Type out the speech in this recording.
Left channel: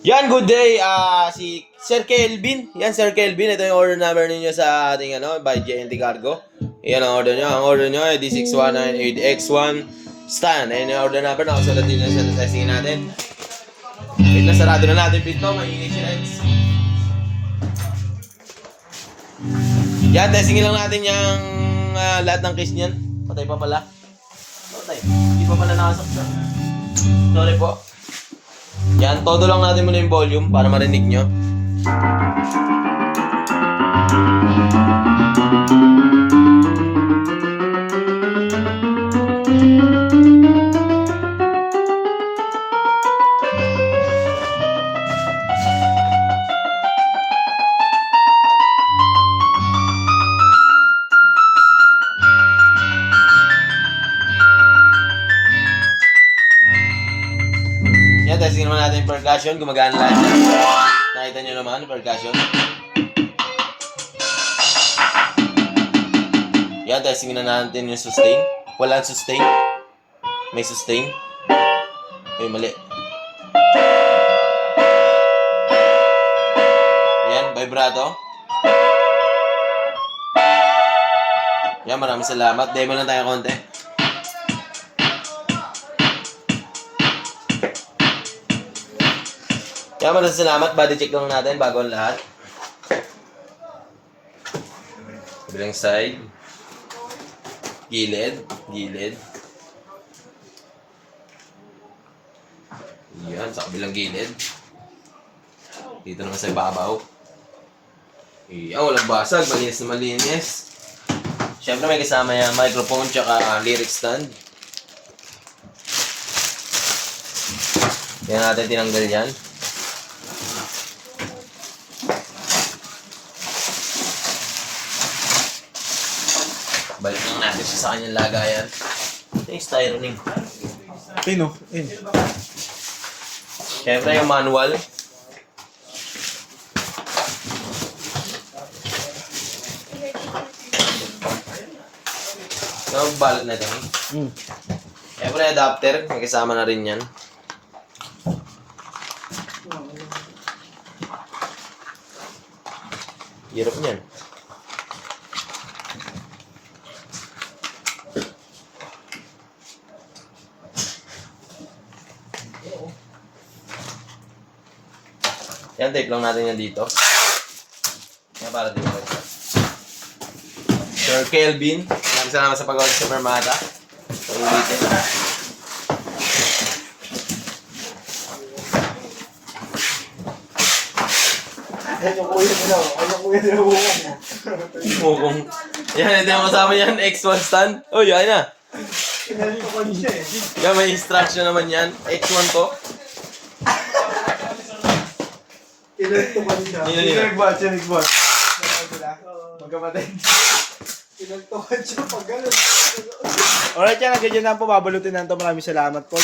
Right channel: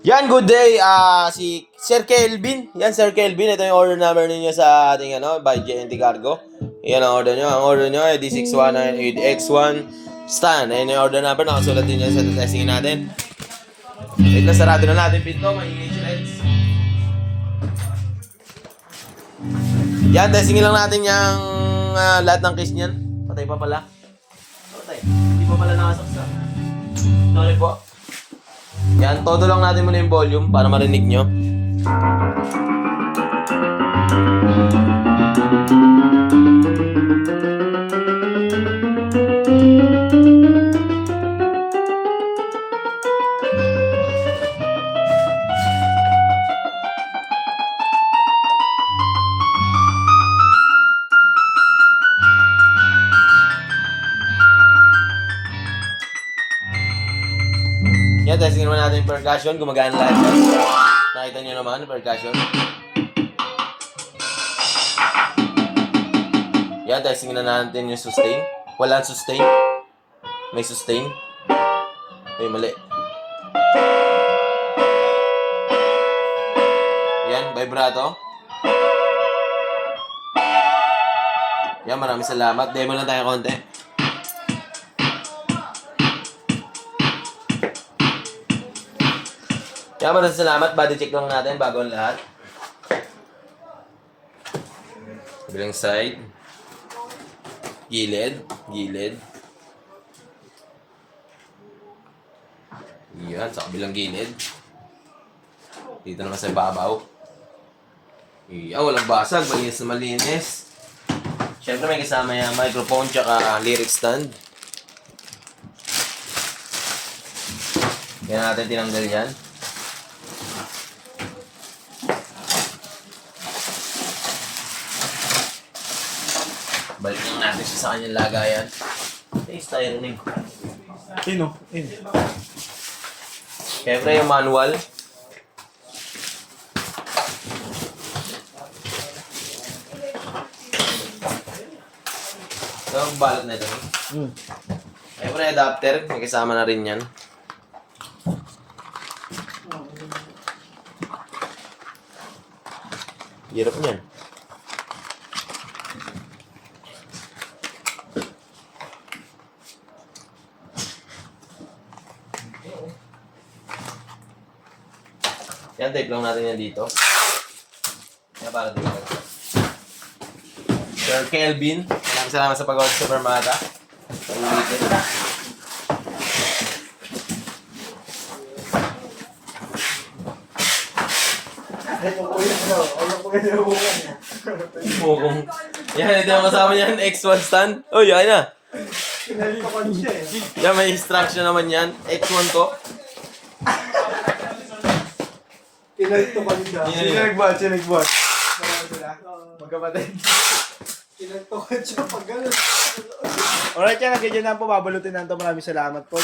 Yan, good day. Si Sir Kelvin. Yan, Sir Kelvin. Ito yung order number ninyo sa ating by JNT Cargo. Yan ang order nyo. Ang order nyo ay D6198X1 stand. Ayan yung order number. Nakasulat din yan sa testing natin. Wait lang, sarado na natin pinto. Mainit si Reds. Yan, testingin lang natin yung lahat ng case niyan. Patay pa pala. Patay. Hindi pa pala nakasaksa. Sorry po. Yan, todo lang natin muna yung volume para marinig nyo. Yan, testing naman natin yung percussion. Gumagana lahat yan. Nakita nyo naman yung percussion. Yan, testing na natin yung sustain. Walang sustain. May sustain. Ay, mali. Yan, vibrato. Yan, maraming salamat. Demo lang tayo konti. Kaya maraming salamat. Body check lang natin bago ang lahat. Kabilang side. Gilid. Gilid. Yan, sa kabilang gilid. Dito naman sa ibabaw. Walang basag. Malinis na malinis. Siyempre may kasama yung microphone tsaka lyric stand. Yan natin tinanggal yan. Balik lang natin siya sa kanyang lagayan. Ito yung styroning. Pino? Siyempre yung manual. Ito ang balot na ito. Siyempre adapter. May kasama na rin yan. Hirap niyan. Yan, tape lang natin yan dito. Yan, para dito. Sir Kelvin, maraming salamat sa pag-order sa Permata. Sa ulitin. Mukong. Yan, ito yung masama yan. X1 stand. Oh, yan na. Yan, may instruction naman yan. X1 to. Kinagto ka niya. Sinigbat. Magkapatid. Kinagto ka siya pag gano'n. Alright yan, ganyan na po. Babalutin na ito. Maraming salamat po.